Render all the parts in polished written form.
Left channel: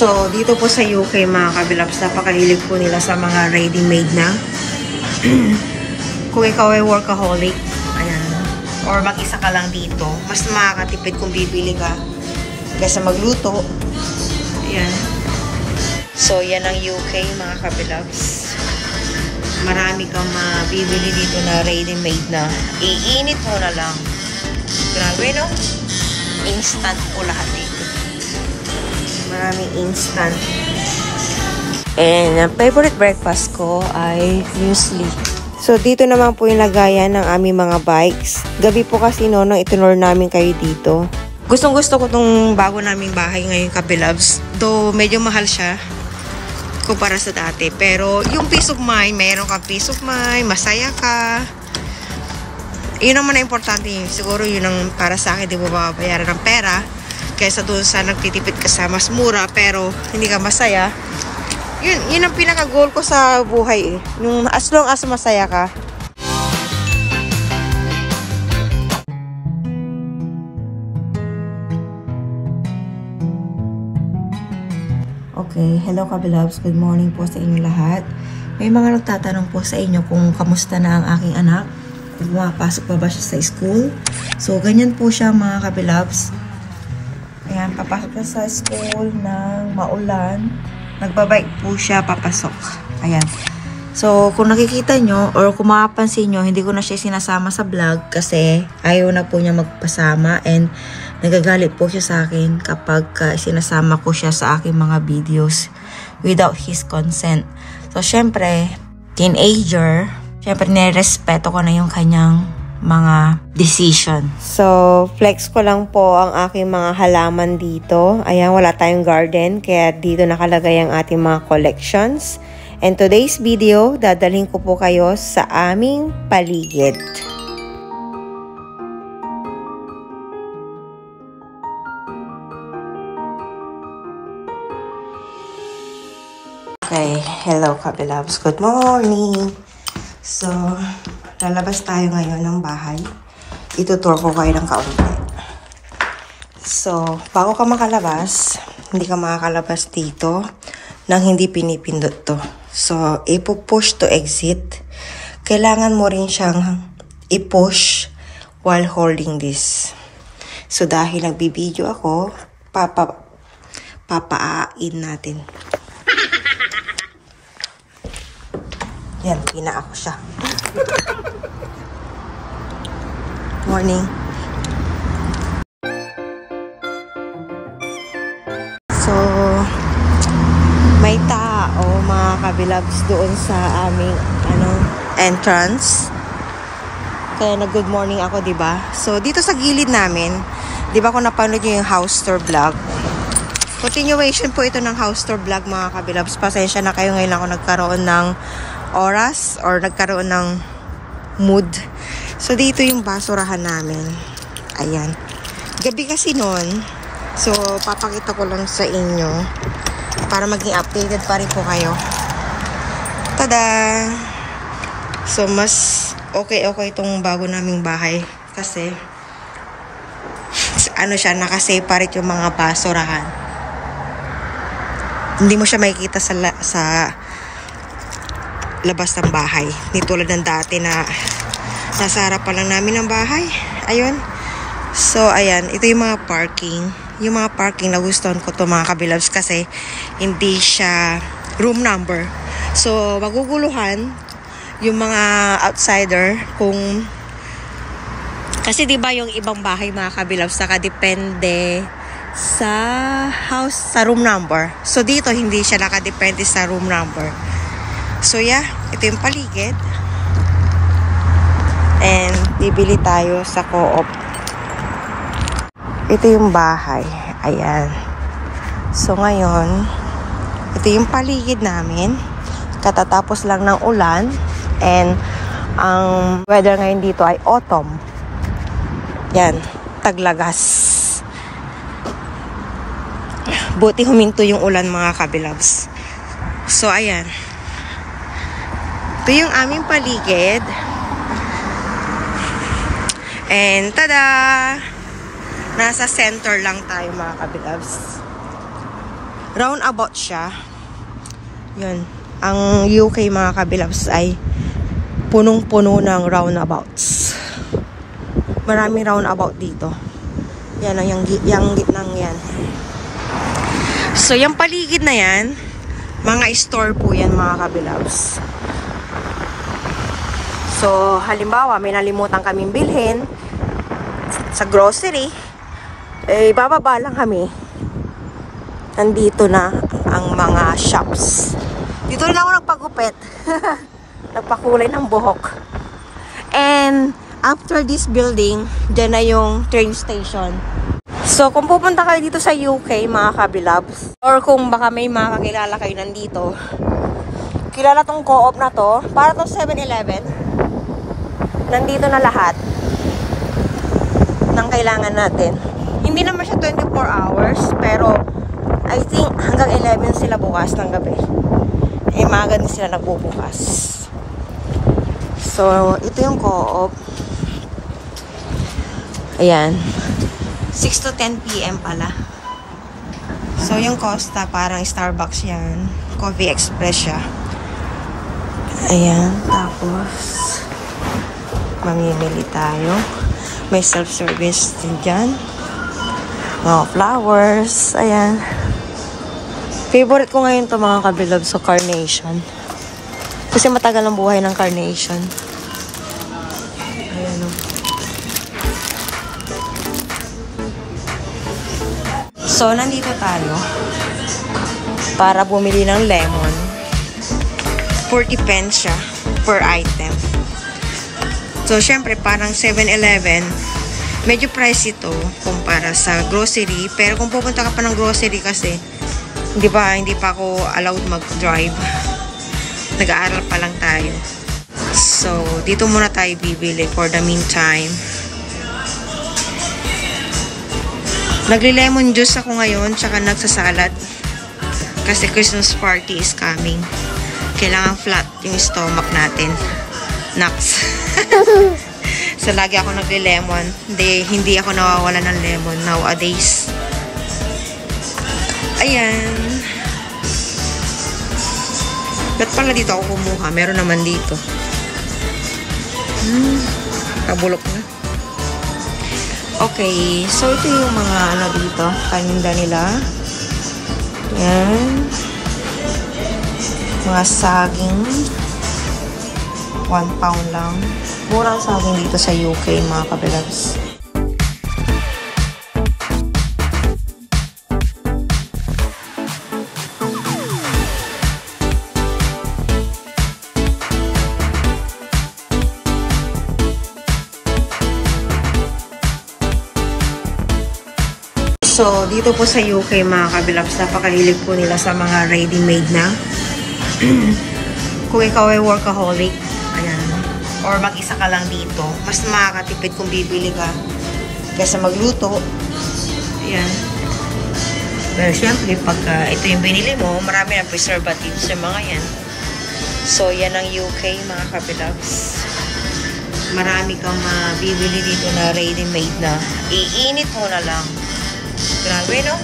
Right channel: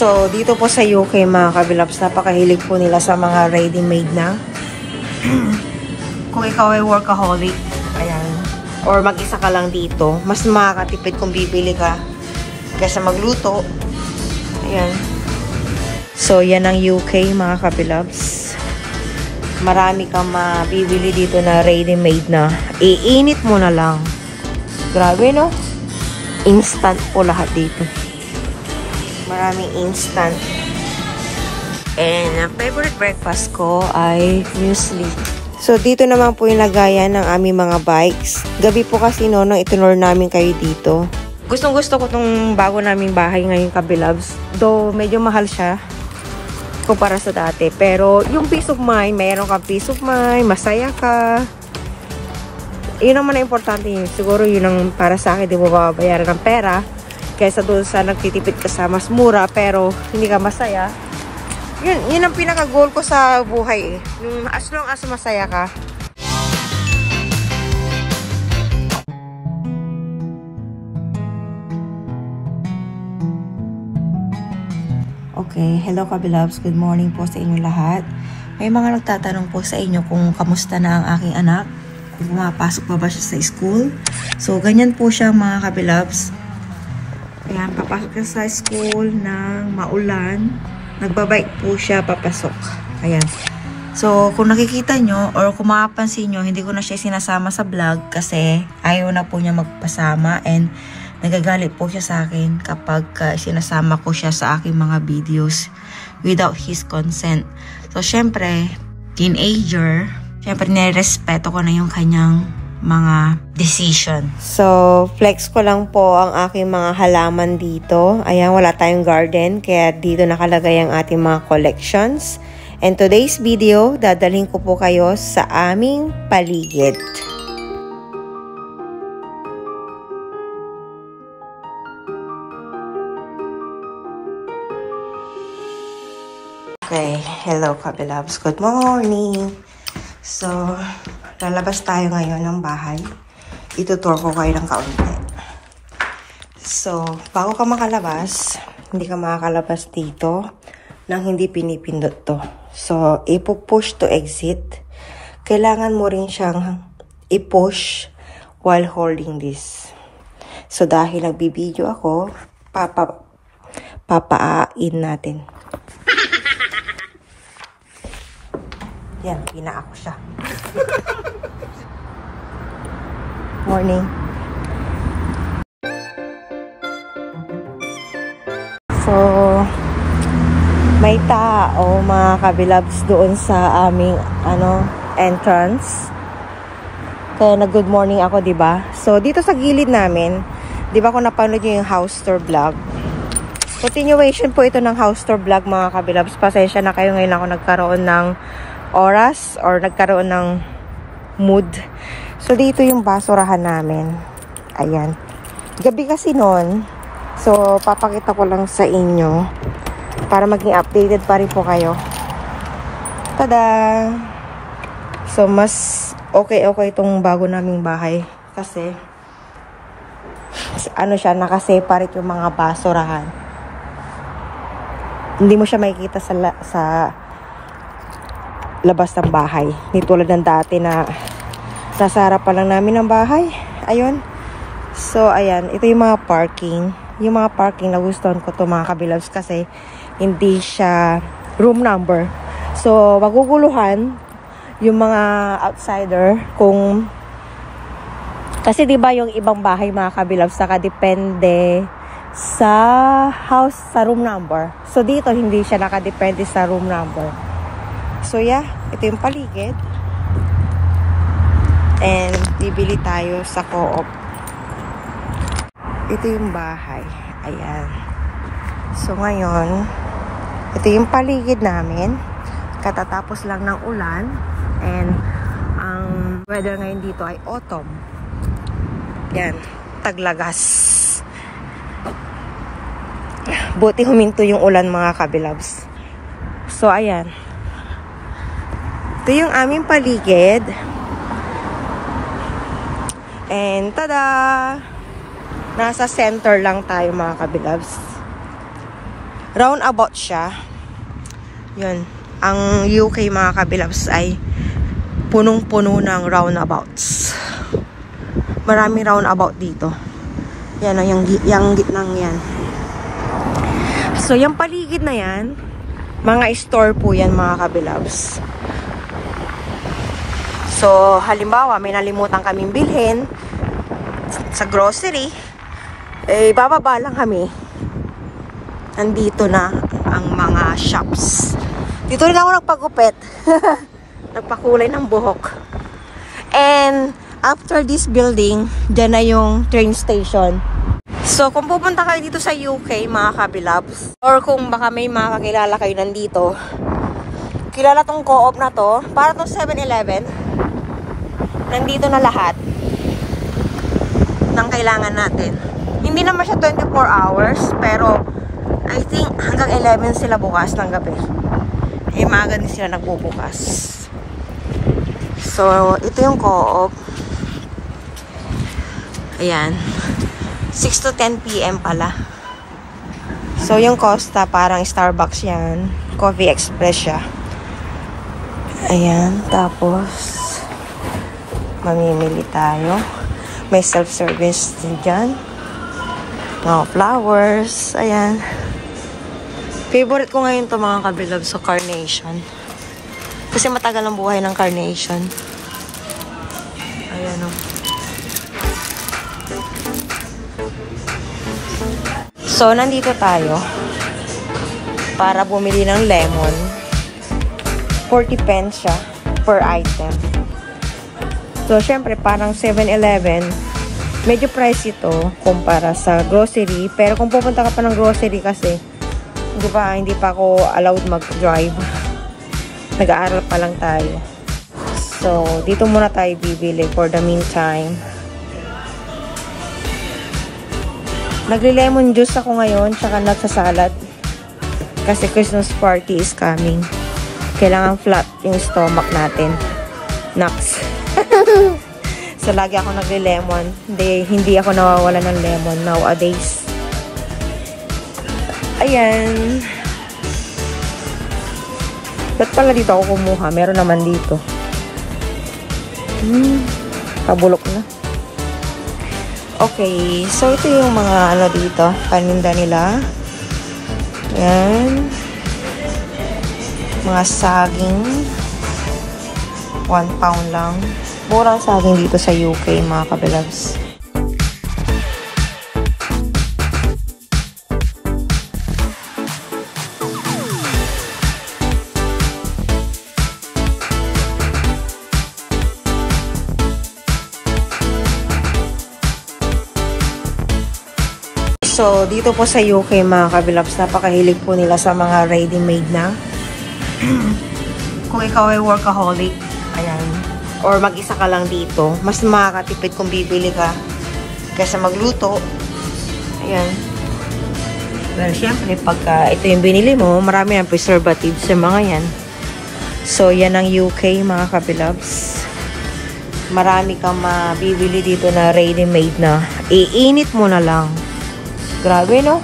So, dito po sa UK mga kabilabs, napakahilig po nila sa mga ready-made na. Kung ikaw ay workaholic, ayan, or mag-isa ka lang dito, mas makakatipid kung bibili ka kaysa magluto. Ayan. So, yan ang UK mga kabilabs. Marami kang mabibili dito na ready-made na. Iinit mo na lang. Grabe, no? Instant po lahat dito. Maraming instant. And ang favorite breakfast ko ay muesli. So, dito naman po yung lagayan ng aming mga bikes. Gabi po kasi nung itunor namin kayo dito. Gustong-gusto ko tong bago naming bahay ngayon kabilabs. Though, medyo mahal siya kumpara sa dati. Pero, yung peace of mind, mayroon kang peace of mind, masaya ka. Yun naman na importante yun. Siguro yun ang para sa akin, di mo babayaran ng pera. Kaysa doon sa nagtitipid ka sa mas mura, pero hindi ka masaya. Yun ang pinaka-goal ko sa buhay eh. Nung as long as masaya ka. Okay, hello kabilabs. Good morning po sa inyo lahat. May mga nagtatanong po sa inyo kung kamusta na ang aking anak. Kung pumapasok pa ba siya sa school. So, ganyan po siya mga kabilabs. Ayan, papasok na sa school ng maulan. Nagbabike po siya papasok. Ayan. So, kung nakikita nyo or kung makapansin nyo, hindi ko na siya sinasama sa vlog kasi ayaw na po niya magpasama and nagagalit po siya sa akin kapag sinasama ko siya sa aking mga videos without his consent. So, syempre, teenager, syempre, nirespeto ko na yung kanyang mga decision. So, flex ko lang po ang aking mga halaman dito. Ayan, wala tayong garden, kaya dito nakalagay ang ating mga collections. And today's video, dadalhin ko po kayo sa aming paligid. Okay, hello kabilabs. Good morning! So, lalabas tayo ngayon ng bahay. Itutour ko kayo ng kaunti. So, bago ka makalabas, hindi ka makakalabas dito nang hindi pinipindot to. So, ipo-push to exit. Kailangan mo rin siyang i-push while holding this. So, dahil nagbibideo ako, papaain natin. Yan, pina ako siya. Morning. So, may tao, mga kabilabs, doon sa aming, entrance. Kaya nag-good morning ako, diba? So, dito sa gilid namin, diba kung napanood nyo yung house tour vlog? Continuation po ito ng house tour vlog, mga kabilabs. Pasensya na kayo, ngayon ako nagkaroon ng oras or nagkaroon ng mood. So, dito yung basurahan namin. Ayan. Gabi kasi noon. So, papakita ko lang sa inyo para maging updated pa rin po kayo. Tada! So, mas okay itong bago naming bahay. Kasi, siya, nakaseparate yung mga basurahan. Hindi mo siya makikita sa labas ng bahay. Hindi tulad ng dati na nasa harapan lang namin ng bahay. Ayun. So, ayan. Ito yung mga parking. Yung mga parking, nagustuhan ko to mga kabilabs kasi hindi siya room number. So, maguguluhan yung mga outsider kung kasi diba yung ibang bahay mga kabilabs nakadepende sa house, sa room number. So, dito hindi siya nakadepende sa room number. So, yeah. Ito yung paligid. And, bibili tayo sa Co-op. Ito yung bahay. Ayan. So, ngayon, ito yung paligid namin. Katatapos lang ng ulan. And, ang weather ngayon dito ay autumn. Yan. Taglagas. Buti huminto yung ulan mga kabilabs. So, ayan. Ito yung aming paligid. And, tada! Nasa center lang tayo mga kabilabs. roundabout siya. Yun. Ang UK mga kabilabs ay punong-puno ng roundabouts. Maraming roundabout dito. Yan o, yung gitnang yan. So, yung paligid na yan, mga store po yan mga kabilabs. So, halimbawa, may nalimutan kaming bilhin sa grocery, eh, bababa lang kami. Nandito na ang mga shops. Dito rin ako nagpagupit. Nagpakulay ng buhok. And, after this building, dyan na yung train station. So, kung pupunta kayo dito sa UK, mga kabilabs, or kung baka may mga kakilala kayo nandito, kilala tong co-op na to, para tong 7-Eleven, nandito na lahat ng kailangan natin. Hindi naman siya 24 hours, pero I think hanggang 11 sila bukas ng gabi. Eh, maaga din sila nagbubukas. So, ito yung co-op. Ayan. 6 to 10 PM pala. So, yung Costa, parang Starbucks yan. Coffee Express siya. Ayan. Tapos, mamimili tayo. May self-service din dyan. Mga flowers. Ayan. Favorite ko ngayon to mga kabilab sa Carnation. Kasi matagal ang buhay ng Carnation. Ayan o. So, nandito tayo para bumili ng lemon. 40 pence siya per item. So, syempre, parang 7-Eleven, medyo price ito kumpara sa grocery. Pero kung pupunta ka pa ng grocery kasi, hindi pa ako allowed mag-drive. Nag-aaral pa lang tayo. So, dito muna tayo bibili for the meantime. Nagli-lemon juice ako ngayon, tsaka nagsasalad. Kasi Christmas party is coming. Kailangan flat yung stomach natin. Nuts. So, lagi ako nagli-lemon. Hindi ako nawawala ng lemon nowadays. Ayan. Ba't pala dito ako kumuha? Meron naman dito. Kabulok na. Okay. So, ito yung mga ano dito. Paninda nila. Ayan. Mga saging. 1 pound lang. Murang saging dito sa UK, mga kabilabs. So, dito po sa UK, mga kabilabs, napakahilig po nila sa mga ready-made na. Kung ikaw ay workaholic, ayan, or mag-isa ka lang dito, mas makakatipid kung bibili ka kaysa magluto. Ayan. Pero syempre, pagka ito yung binili mo, marami ng preservatives yung mga yan. So, yan ang UK, mga kabilabs. Marami kang mabibili dito na ready-made na. Iinit mo na lang. Grabe, no?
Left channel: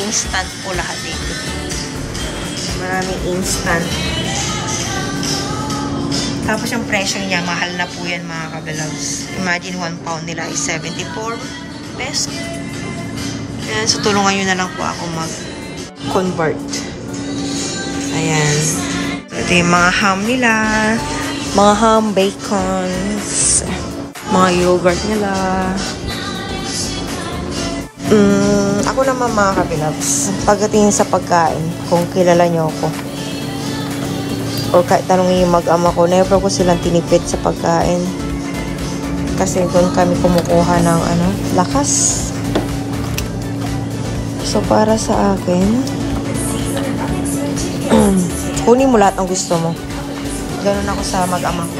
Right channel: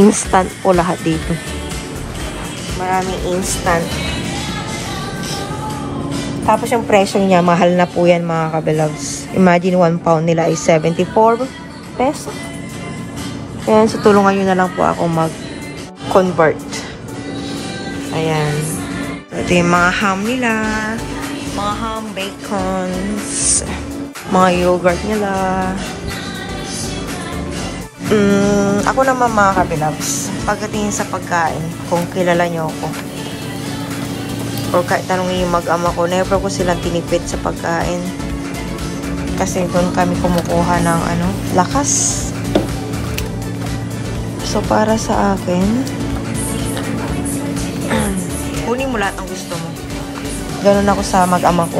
Instant po lahat dito. Maraming instant. Tapos yung presyo niya, mahal na po yan, mga kabilabs. Imagine 1 pound nila ay 74 peso. Ayan, so tulungan nyo na lang po ako mag-convert. Ayan. So, ito yung mga ham nila. Mga ham, bacons. Mga yogurt nila. Ako naman, mga kabilabs, pagdating sa pagkain, kung kilala nyo ako, or kahit tanongin yung mag-ama ko, never ko silang tinipid sa pagkain. Kasi doon kami kumukuha ng lakas. So, para sa akin, kunin mo lahat ng gusto mo. Ganun ako sa mag-ama ko.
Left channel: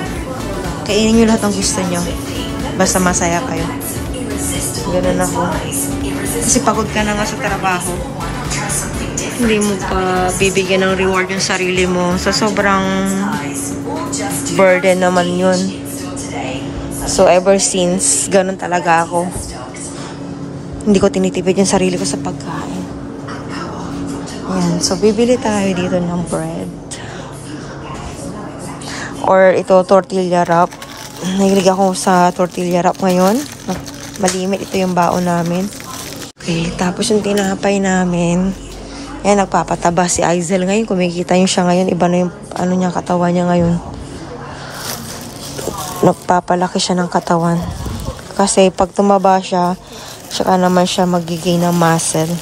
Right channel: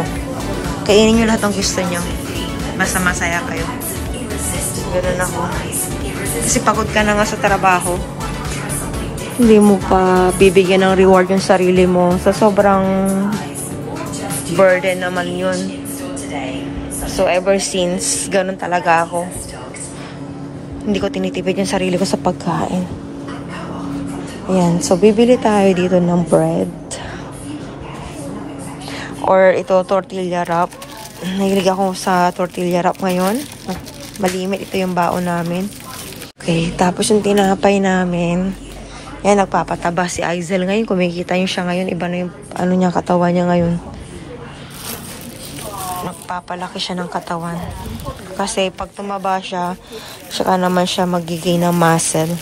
Kainin nyo lahat ng gusto nyo. Basta masaya kayo. Ganun ako. Kasi pagod ka na nga sa trabaho. Hindi mo pa bibigyan ng reward yung sarili mo. So, sobrang burden naman yun. So, ever since, ganun talaga ako. Hindi ko tinitipid yung sarili ko sa pagkain. Ayan. So, bibili tayo dito ng bread. Or ito, tortilla wrap. Nahilig ako sa tortilla wrap ngayon. Malimit ito yung baon namin. Okay, tapos yung tinapay namin. Yan, nagpapataba si Aizel ngayon. Kumikita niyo siya ngayon. Iba na yung ano niya, katawan niya ngayon. Nagpapalaki siya ng katawan. Kasi pag tumaba siya, saka naman siya magiging ng muscle.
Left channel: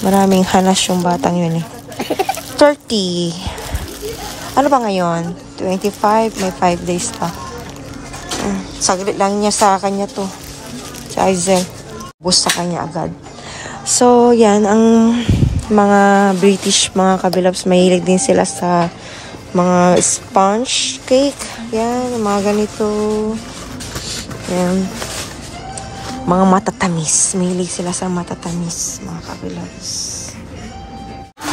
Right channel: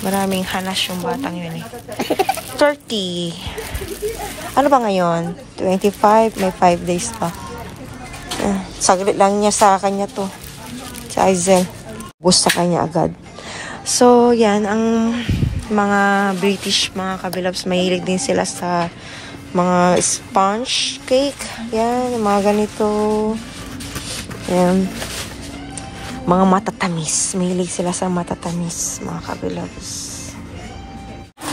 Maraming hanas yung batang yun eh. 30. Ano ba ngayon? 25. May 5 days pa. Saglit lang niya sa kanya to. Si Aizel. Bus sa kanya agad. So, yan. Ang mga British, mga kabilabs, mahilig din sila sa mga sponge cake. Yan. Mga ganito. Yan. Mga matatamis. Mahilig sila sa matatamis, mga kabilabs.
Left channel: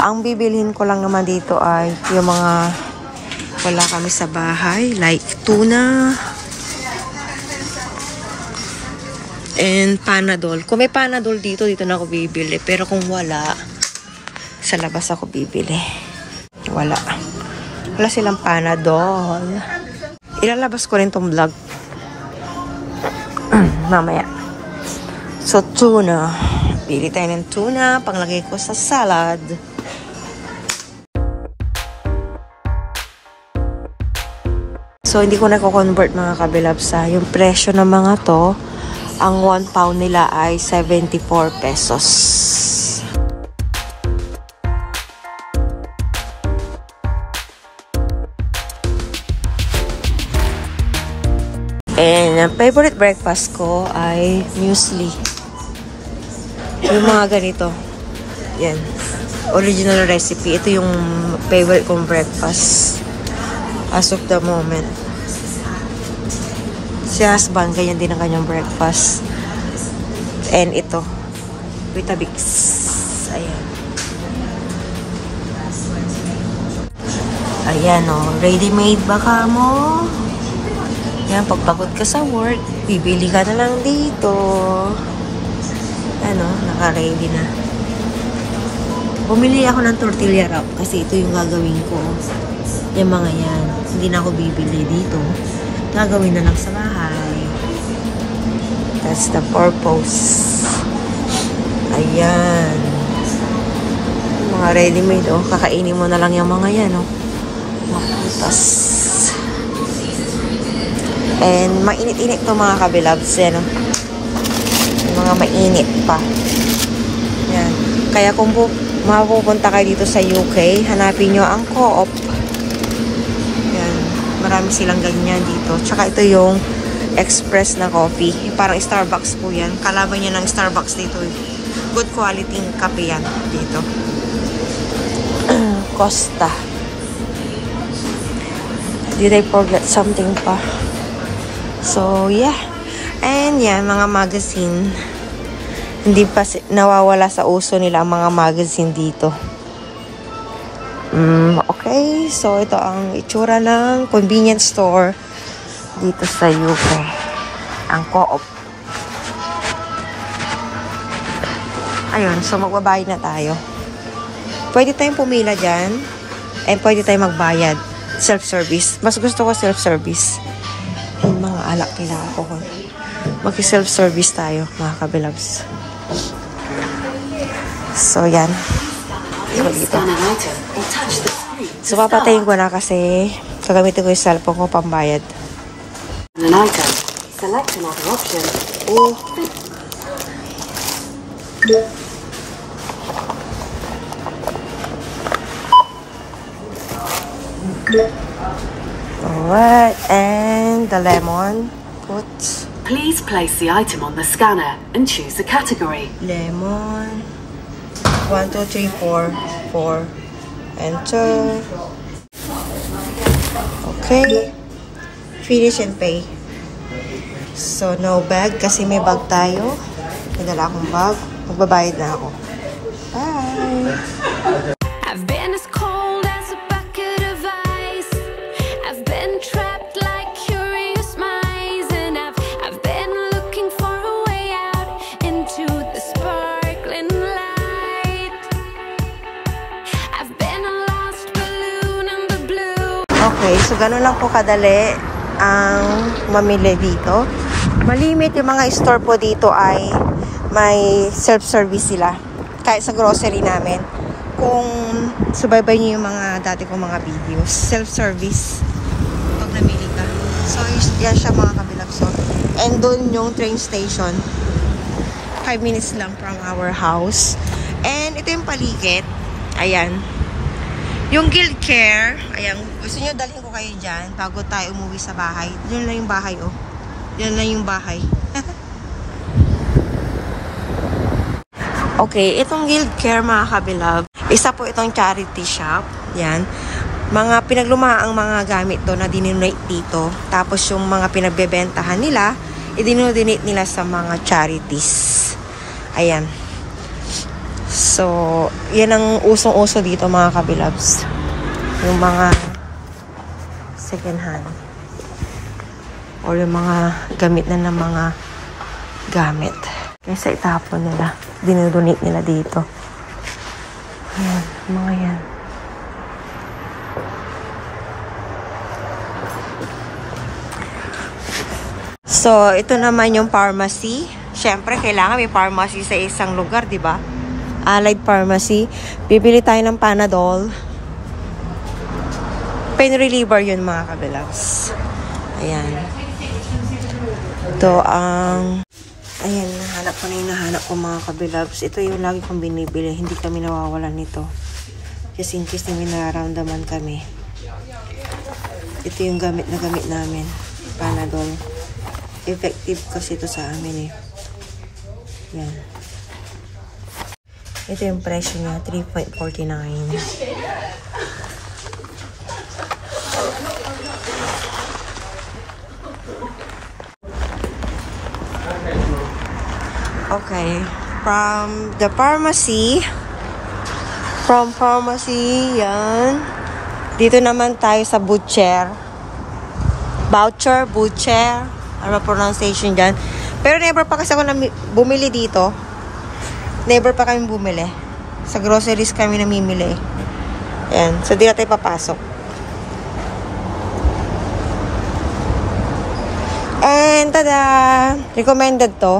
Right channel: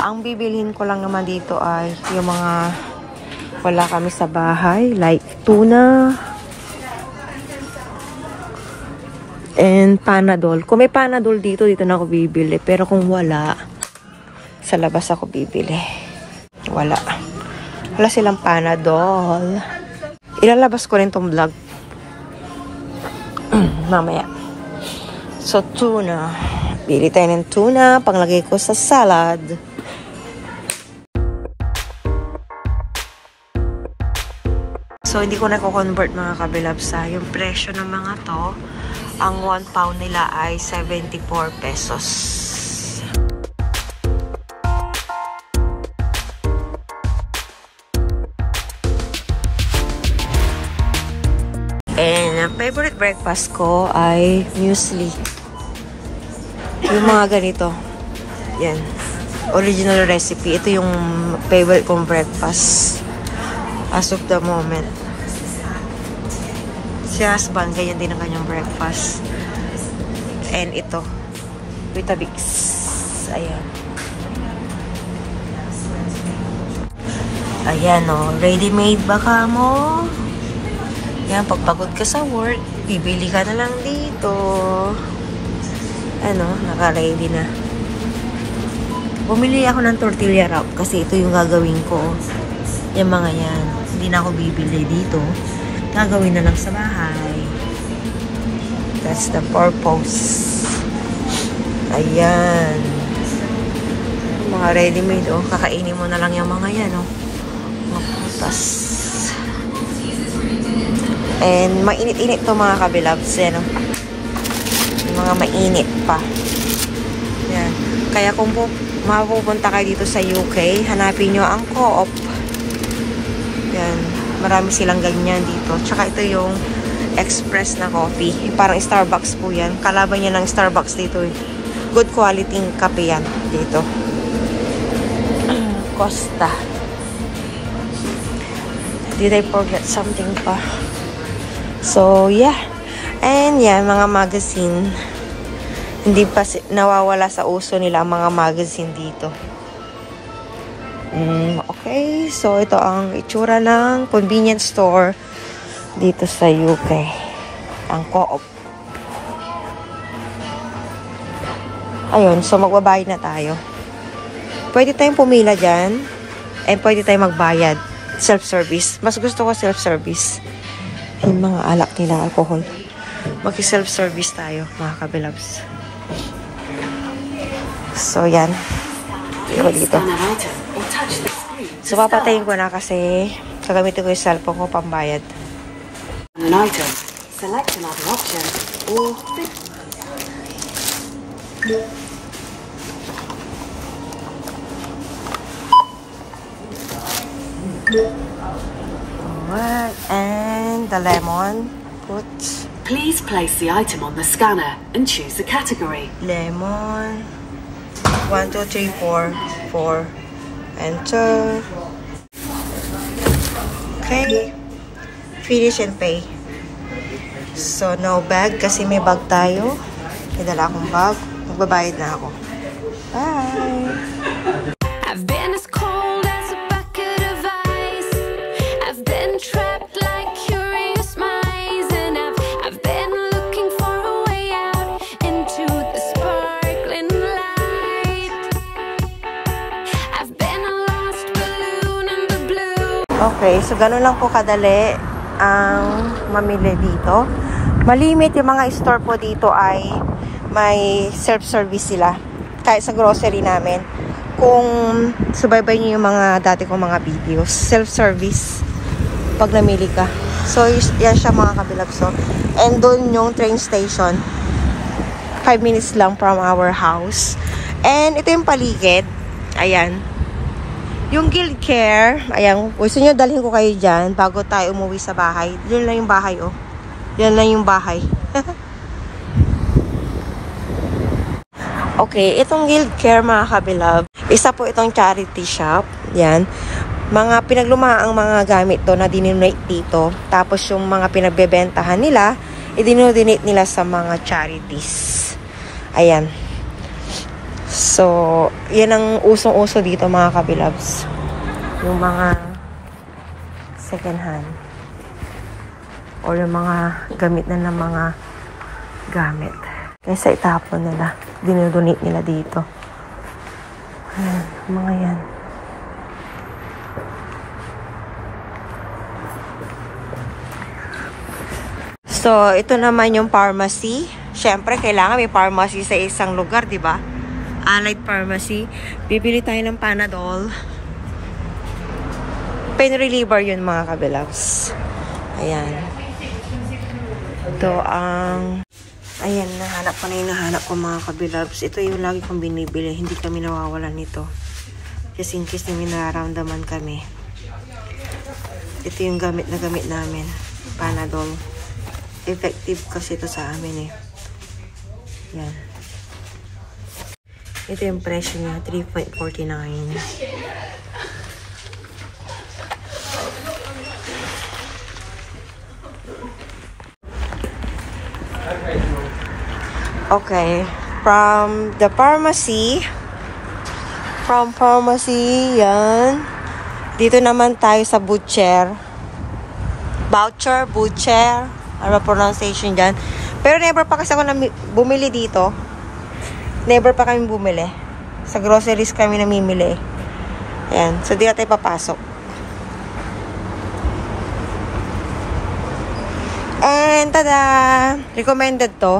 Ang bibilhin ko lang naman dito ay yung mga wala kami sa bahay. Like tuna. And Panadol. Kung may Panadol dito na ako bibili. Pero kung wala, sa labas ako bibili. Wala. Wala silang Panadol. Ilalabas ko rin tong vlog. Mamaya. So, tuna. Bili tayo ng tuna. Panglagay ko sa salad. So, hindi ko na-convert mga kabilabsa. Yung presyo ng mga to, ang 1 pound nila ay 74 pesos. And ang favorite breakfast ko ay muesli. Yung mga ganito. Yan. Original recipe. Ito yung favorite kong breakfast as of the moment. Si husband, ganyan din ang kanyang breakfast. And ito. Weetabix. Ayan. Ayan o. Ready-made ba ka mo? Yan, pagpagod ka sa work, bibili ka na lang dito. Ano, naka-ready na. Bumili ako ng tortilla wrap kasi ito yung gagawin ko. Yung mga yan. Hindi na ako bibili dito. Gagawin na lang sa bahay. That's the purpose. Ayan. Yung mga ready-made, oh. Kakainin mo na lang yung mga yan, oh. Mga putas. And mainit-init to mga kabilabs. Yan, oh. Yung mga mainit pa. Yan. Kaya kung mapupunta kayo dito sa UK, hanapin nyo ang Co-op. Yan. Marami silang ganyan dito. Tsaka ito yung express na coffee. Parang Starbucks po yan. Kalaban niya ng Starbucks dito. Good quality kape yan dito. Costa. Did I forget something pa? So, yeah. And yan, mga magazine. Hindi pa nawawala sa uso nila ang mga magazine dito. Okay. So, ito ang itsura ng convenience store dito sa UK. Ang Co-op. Ayun. So, magbabayad na tayo. Pwede tayong pumila dyan. And pwede tayong magbayad. Self-service. Mas gusto ko self-service. Yung mga alak nila, alcohol. Mag-self-service tayo, mga kabilabs. So, yan. Iko dito. So, papatayin ko na kasi gagamitin ko yung cellphone ko pambayad. An item. Select another option or Alright, and the lemon. Put. Please place the item on the scanner and choose the category. Lemon. 1, 2, 3, 4. 4. Enter. Okay. Finish and pay. So, no bag kasi may bag tayo. May dala akong bag. Magbabayad na ako. Bye! I've been as cold as a bucket of ice. I've been trapped like curious mice, and I've been looking for a way out into the sparkling light. Okay, so ganun lang po kadali ang mamili dito. Malimit yung mga store po dito ay may self-service sila. Kahit sa grocery namin. Kung subaybay niyo yung mga dati kong mga videos, self-service pag namili ka. So, yan siya mga kabilabs. So, and doon yung train station. 5 minutes lang from our house. And ito yung paligid. Ayan. Yung Guild Care, ayan, gusto nyo dalhin ko kayo dyan bago tayo umuwi sa bahay. Yun lang yung bahay, oh. Yan lang yung bahay. Okay, itong Guild Care, mga kabilab, isa po itong charity shop. Yan. Mga pinaglumaang mga gamit to na dinonate dito. Tapos yung mga pinagbebentahan nila, i-dinonate nila sa mga charities. Ayan. So, yan ang usong-uso dito mga kabilabs. Yung mga second hand. Or yung mga gamit na ng mga gamit. Kaysa itapon nila. Dinodonate nila dito. Ayan, mga yan. So, ito naman yung pharmacy. Siyempre, kailangan may pharmacy sa isang lugar, di ba? Allied Pharmacy. Bibili tayo ng Panadol. Pain reliever yun, mga kabilabs. Ayan. Ito ang... Ayan, nahanap ko na yung nahanap ko, mga kabilabs. Ito yung lagi kong binibili. Hindi kami nawawalan nito. Just in case may nararamdaman kami. Ito yung gamit na gamit namin. Panadol. Effective kasi ito sa amin eh. Yan. Ito yung presyo niya, 3.49. Okay. From the pharmacy. From pharmacy, yan. Dito naman tayo sa butcher. Butcher. Ano pronunciation gan? Pero never pa kasi ako bumili dito. Never pa kami bumili. Sa groceries kami namimili. Ayan. So, di na tayo papasok. And, tada! Recommended to.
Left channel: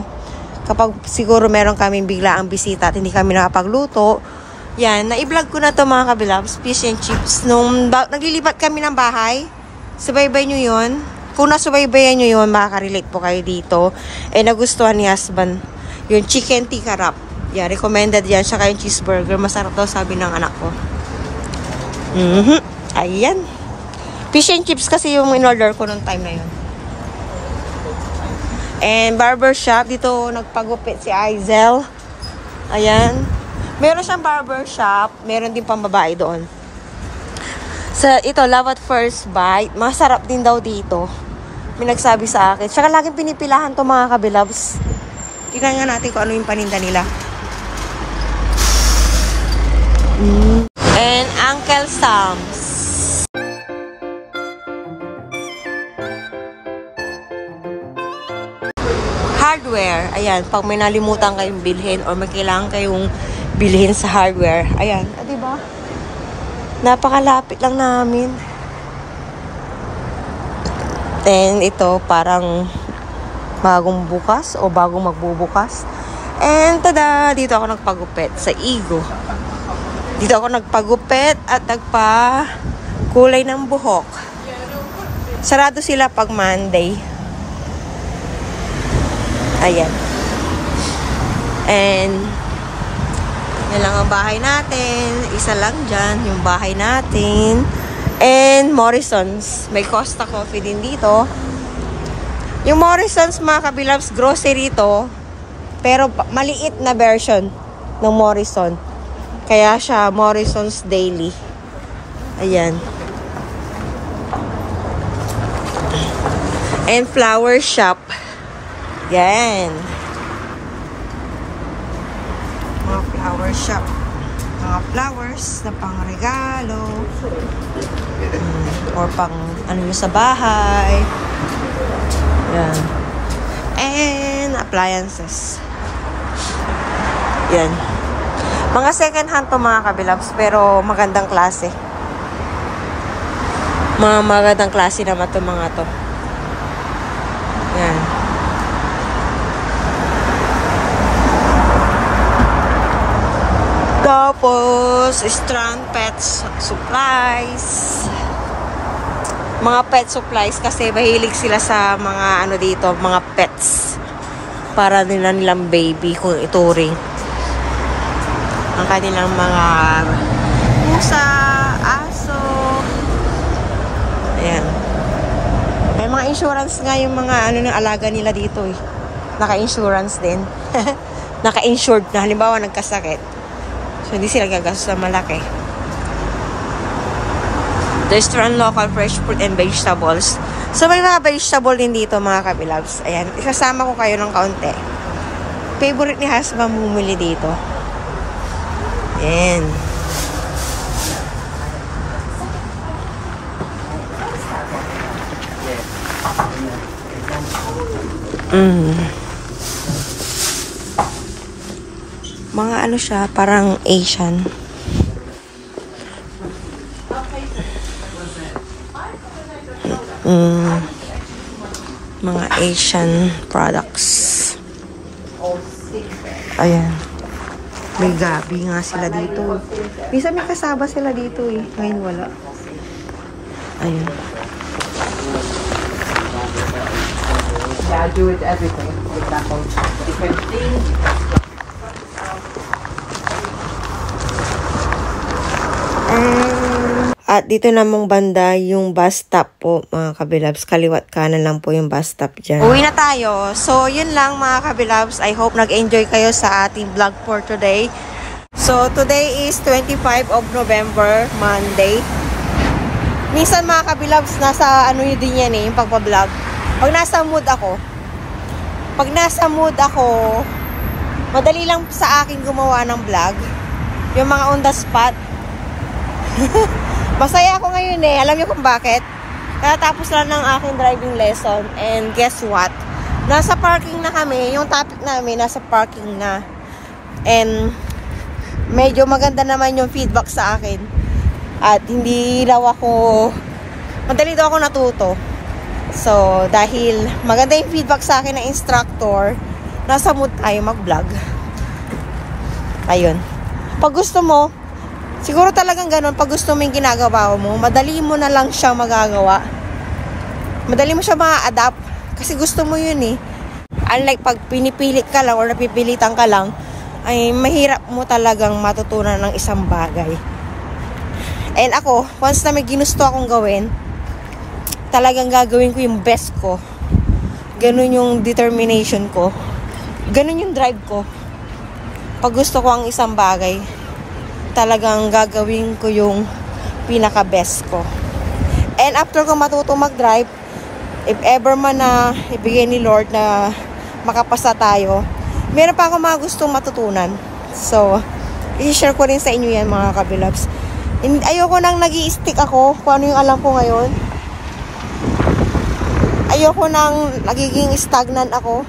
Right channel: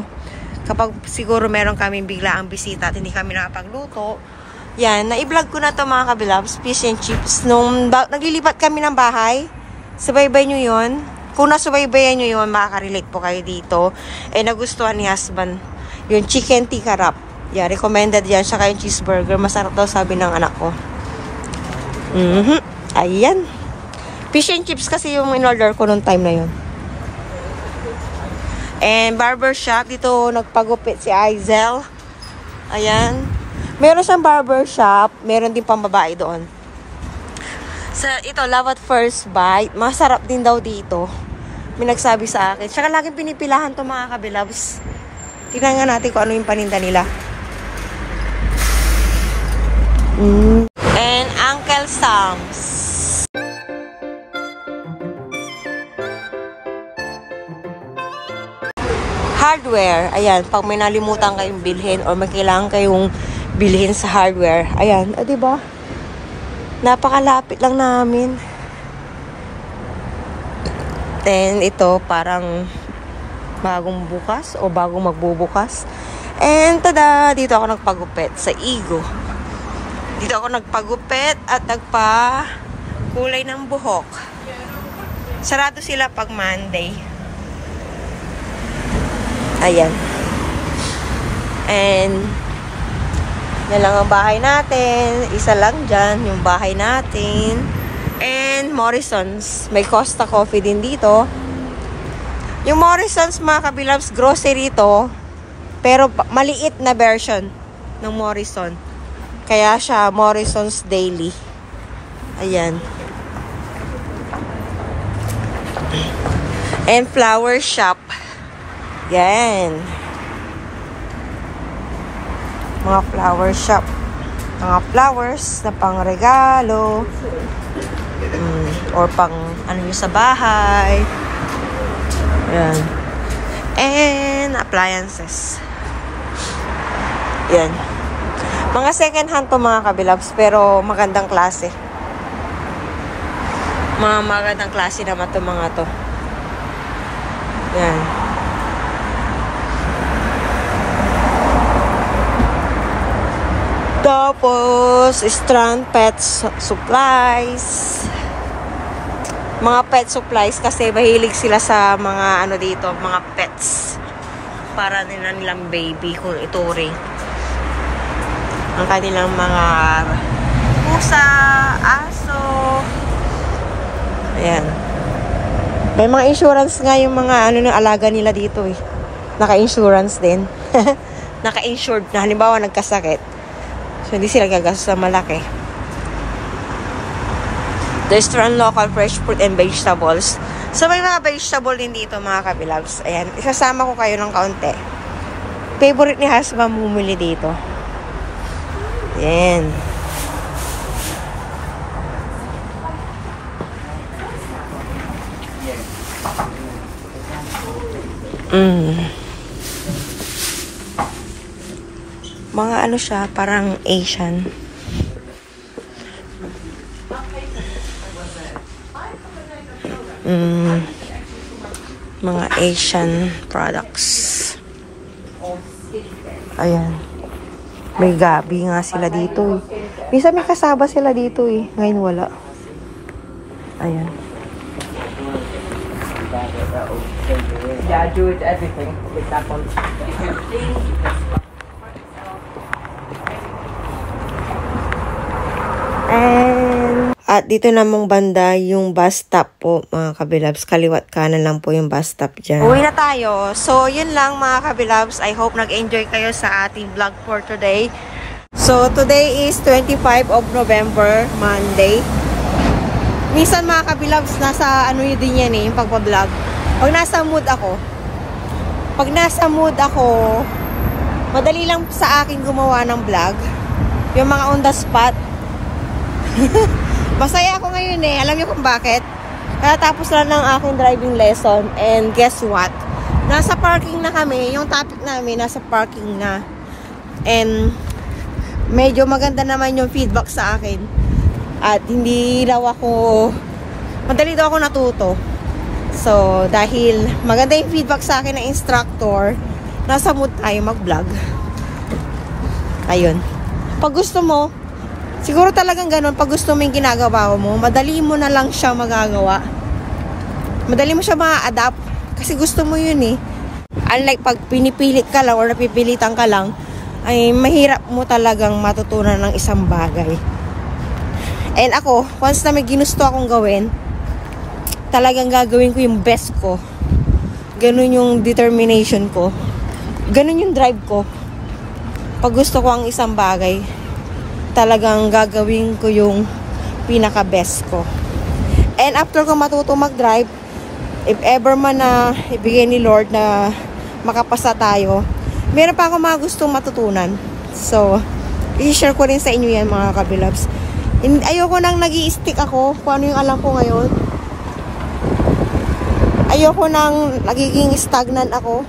Kapag siguro meron kaming biglaang bisita at hindi kami nakapagluto. Yan. Na-i-vlog ko na to mga kabilabs. Fish and chips. Nung naglilipat kami ng bahay, subaybay nyo yun. Kung nasubaybayan nyo yun, makaka-relate po kayo dito. Eh, nagustuhan ni husband. Yung chicken tikka wrap. Yeah, recommended yan. Saka yung cheeseburger. Masarap daw, sabi ng anak ko. Ayan. Fish and chips kasi yung in-order ko nung time na yun. And barber shop. Dito nagpagupit si Aizel. Ayan. Meron siyang barber shop. Meron din pang babae doon. So, ito, love at first bite. Masarap din daw dito. May nagsabi sa akin. Saka laging pinipilahan to mga kabilabs. Tingnan nga natin kung ano yung paninda nila. And Uncle Sam's. Hardware. Ayan, pag may nalimutan kayong bilhin or may kailangan kayong bilhin sa hardware. Ayan, diba? Napakalapit lang namin. And ito, parang bagong bukas o bagong magbubukas. And tada, dito ako nagpagupit sa Igo. Dito ako nagpagupit at nagpa-kulay ng buhok. Sarado sila pag Monday. Ayan. And yan lang ang bahay natin. Isa lang dyan, yung bahay natin. And Morrison's. May Costa Coffee din dito. Yung Morrison's, mga kabilabs, grocery to. Pero maliit na version ng Morrison. Kaya siya Morrison's Daily. Ayan. And flower shop. Yan. Mga flower shop. Mga flowers na pang regalo. Or pang ano nyo sa bahay. Yan. And appliances. Yan. Mga second hand to mga kabilabs, pero magandang klase. Mga magandang klase naman itong mga to. Yan. Tapos, Strand Pets Supplies. Mga pet supplies kasi mahilig sila sa mga ano dito, mga pets. Para nilang baby, kung ituring. Ang kanilang mga pusa, aso. Ayan. May mga insurance nga yung mga ano ng alaga nila dito eh. Naka-insurance din. Naka-insured na. Halimbawa, nagkasakit. So, hindi sila gagastos sa malaki. Restaurant local fresh fruit and vegetables. So, may mga vegetable din dito, mga kabilabs. Ayan. Isasama ko kayo ng kaunti. Favorite ni husband bumili dito. Ayan. Mga ano siya, parang Asian. Mga Asian products. Ayan. May gabi nga sila dito. Minsan may kasaba sila dito eh. Ngayon wala. Ayan. Yeah, do it everything. For example, different things. At dito namang banda yung bus stop po, mga kabilabs. Kaliwat kanan lang po yung bus stop dyan. Uwi na tayo. So, yun lang mga kabilabs. I hope nag-enjoy kayo sa ating vlog for today. So, today is 25 of November, Monday. Minsan mga kabilabs, nasa ano yun din yan eh, yung pagpa-vlog. Pag nasa mood ako, madali lang sa akin gumawa ng vlog. Yung mga on the spot. Masaya ako ngayon eh. Alam niyo kung bakit? Natapos lang ng aking driving lesson. And guess what? Nasa parking na kami. Yung topic namin, nasa parking na. And medyo maganda naman yung feedback sa akin. At hindi daw ako, madali daw ako natuto. So, dahil maganda yung feedback sa akin ng instructor, nasa mood tayo mag-vlog. Ayun. Pag gusto mo, siguro talagang ganun, pag gusto mo yung ginagawa mo, madali mo na lang siyang magagawa. Madali mo siya ma-adapt. Kasi gusto mo yun eh. Unlike pag pinipilit ka lang or napipilitan ka lang, ay mahirap mo talagang matutunan ng isang bagay. And ako, once na may ginusto akong gawin, talagang gagawin ko yung best ko. Ganun yung determination ko. Ganun yung drive ko. Pag gusto ko ang isang bagay, talagang gagawin ko yung pinaka-best ko. And after ko matuto mag-drive, if ever man na ibigay ni Lord na makapasa tayo, meron pa ako mga gustong matutunan. So, i-share ko rin sa inyo yan mga kabilabs. Ayoko nang nag-i-stick ako kung ano yung alam ko ngayon. Ayoko nang nagiging stagnant ako.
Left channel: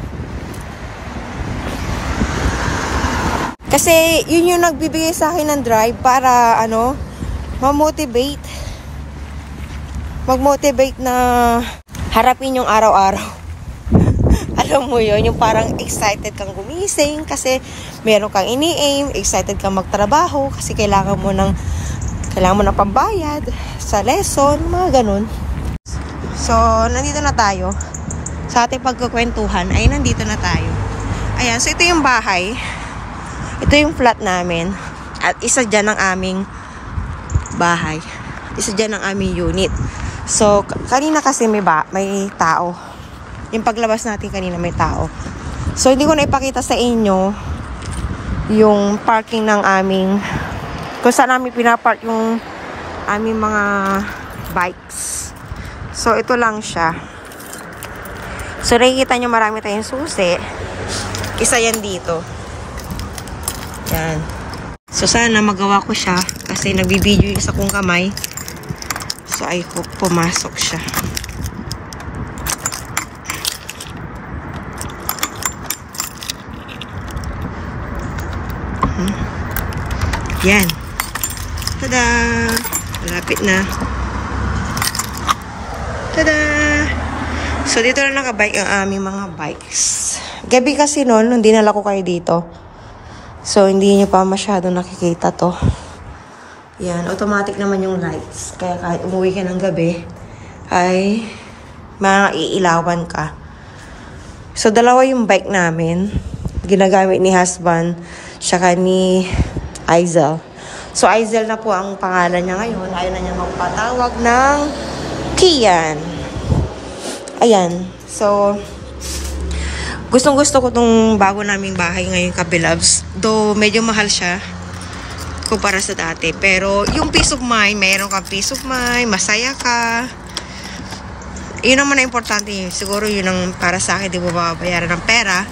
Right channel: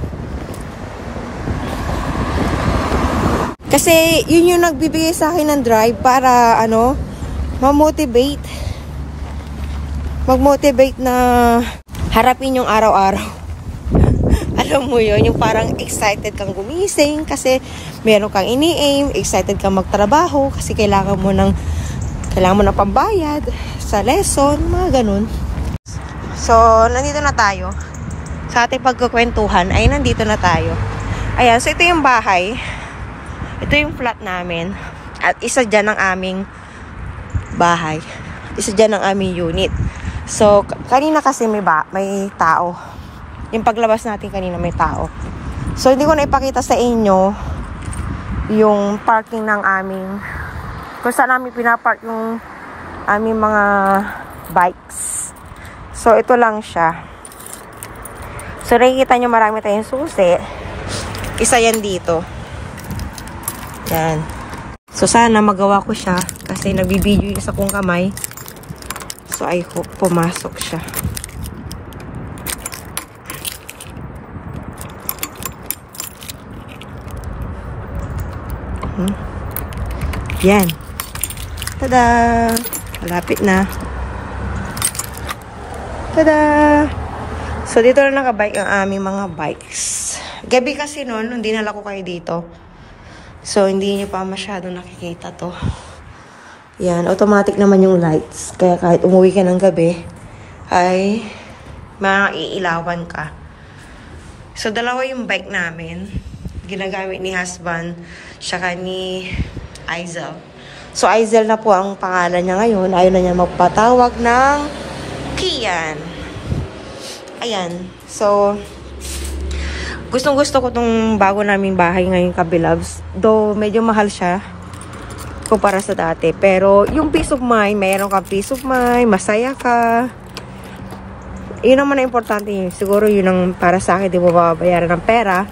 Kasi yun yung nagbibigay sa akin ng drive para ma-motivate. Mag-motivate na harapin yung araw-araw. Alam mo yun, yung parang excited kang gumising kasi meron kang ini-aim, excited kang magtrabaho kasi kailangan mo ng pambayad sa lesson, mga ganun. So, nandito na tayo. Sa ating pagkukwentuhan ay nandito na tayo. Ayan, so ito yung bahay. Ito yung flat namin. At isa dyan ang aming bahay. Isa dyan ang aming unit. So, kanina kasi may tao. Yung paglabas natin kanina may tao. So, hindi ko na ipakita sa inyo yung parking ng aming, kung saan namin pinapark yung aming mga bikes. So, ito lang siya. So, nakikita nyo marami tayong susi. Isa yan dito. Yan. So, sana magawa ko siya kasi nagbibideo yung isa kong kamay. So, I hope pumasok siya. Yan. Tada! Malapit na. Tada! So, dito na nakabike ang aming mga bikes. Gabi kasi noon, nung dinala ko kayo dito. So, hindi nyo pa masyado nakikita to. Yan, automatic naman yung lights. Kaya kahit umuwi ka ng gabi, ay maiilawan ka. So, dalawa yung bike namin. Ginagamit ni husband, saka ni Aizel. So, Aizel na po ang pangalan niya ngayon. Ayaw na niya magpatawag ng Kian. Ayan. So, gustong-gusto ko tong bago naming bahay ngayon, kabilabs. Though, medyo mahal siya kumpara sa dati. Pero, yung peace of mind, mayroon kang peace of mind, masaya ka. Yun naman na importante. Siguro yun ang para sa akin, di mo babayaran ng pera.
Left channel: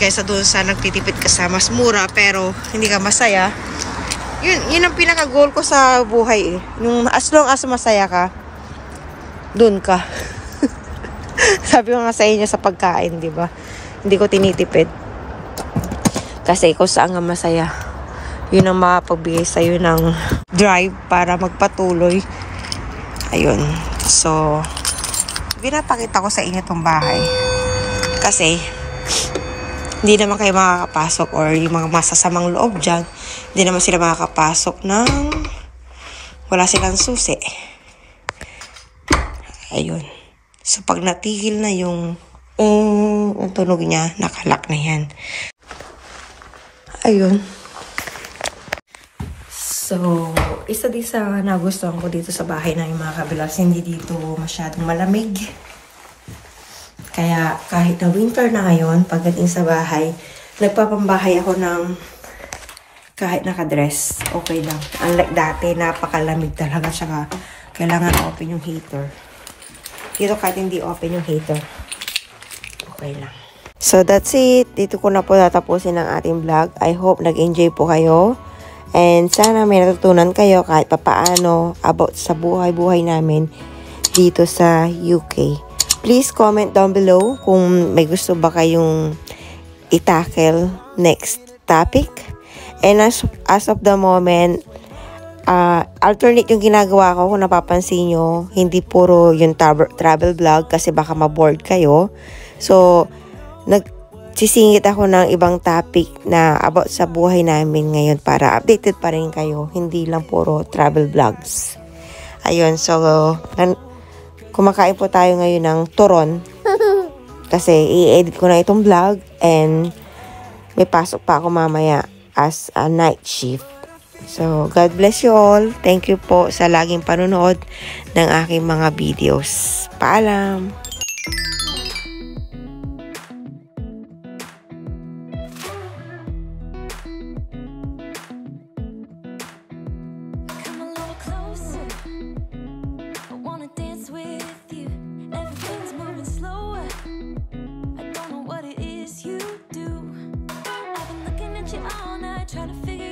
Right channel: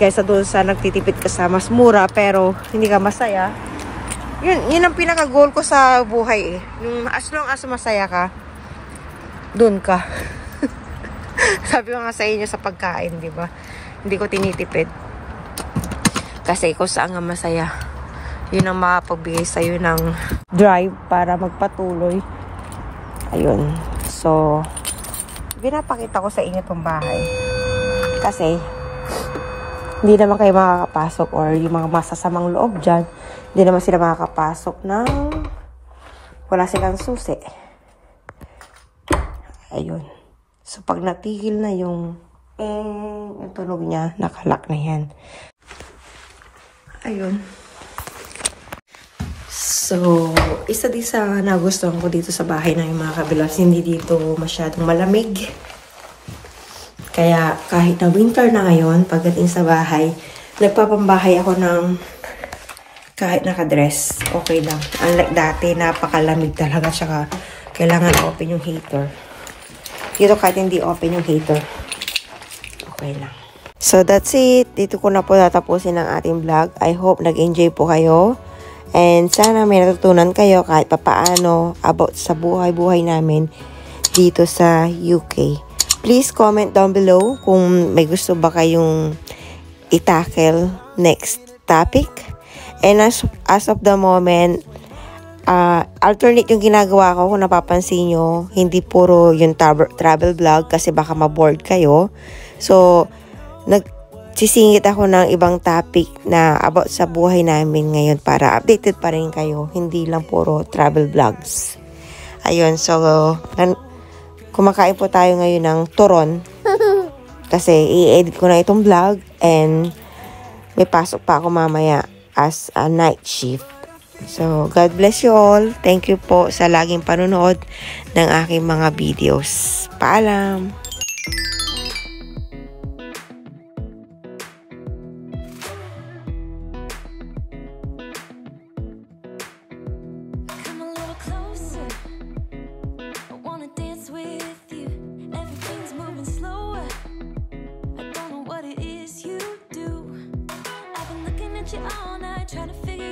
Kaysa doon sa nagtitipid ka sa mas mura, pero hindi ka masaya. Yun ang pinaka-goal ko sa buhay eh. Yung as long as masaya ka, doon ka. Sabi ko nga sa inyo sa pagkain, di ba? Hindi ko tinitipid. Kasi kung saan nga masaya, yun ang makapagbigay sa'yo ng drive para magpatuloy. Ayun. So, pinapakita ko sa inyo itong bahay. Kasi, hindi naman kayo makakapasok or yung mga masasamang loob dyan, hindi naman sila makakapasok ng wala silang susi. Ayun. So, pag natigil na yung ang tunog niya, nakalak na yan. Ayun. So, isa din sa nagustuhan ko dito sa bahay na yung mga kabilas, hindi dito masyadong malamig. Kaya kahit na winter na ngayon, pagdating sa bahay, nagpapambahay ako ng kahit nakadress. Okay lang. Unlike dati, napakalamig talaga siya. Kailangan open yung heater. Dito kahit hindi open yung heater, okay lang. So, that's it. Dito ko na po tatapusin ang ating vlog. I hope nag-enjoy po kayo. And sana may natutunan kayo kahit papaano about sa buhay-buhay namin dito sa UK. Please comment down below kung may gusto ba kayong i-tackle next topic. And as of the moment, alternate yung ginagawa ko kung napapansin nyo. Hindi puro yung travel vlog kasi baka ma-bored kayo. So, nagsisingit ako ng ibang topic na about sa buhay namin ngayon para updated pa rin kayo. Hindi lang puro travel vlogs. Ayun, so, kumakain po tayo ngayon ng turon. Kasi i-edit ko na itong vlog and may pasok pa ako mamaya as a night shift. So, God bless you all. Thank you po sa laging panonood ng aking mga videos. Paalam! Come a little closer. I wanna dance with you. Everything's moving slower. I don't know what it is you do. I've been looking at you all night, trying to figure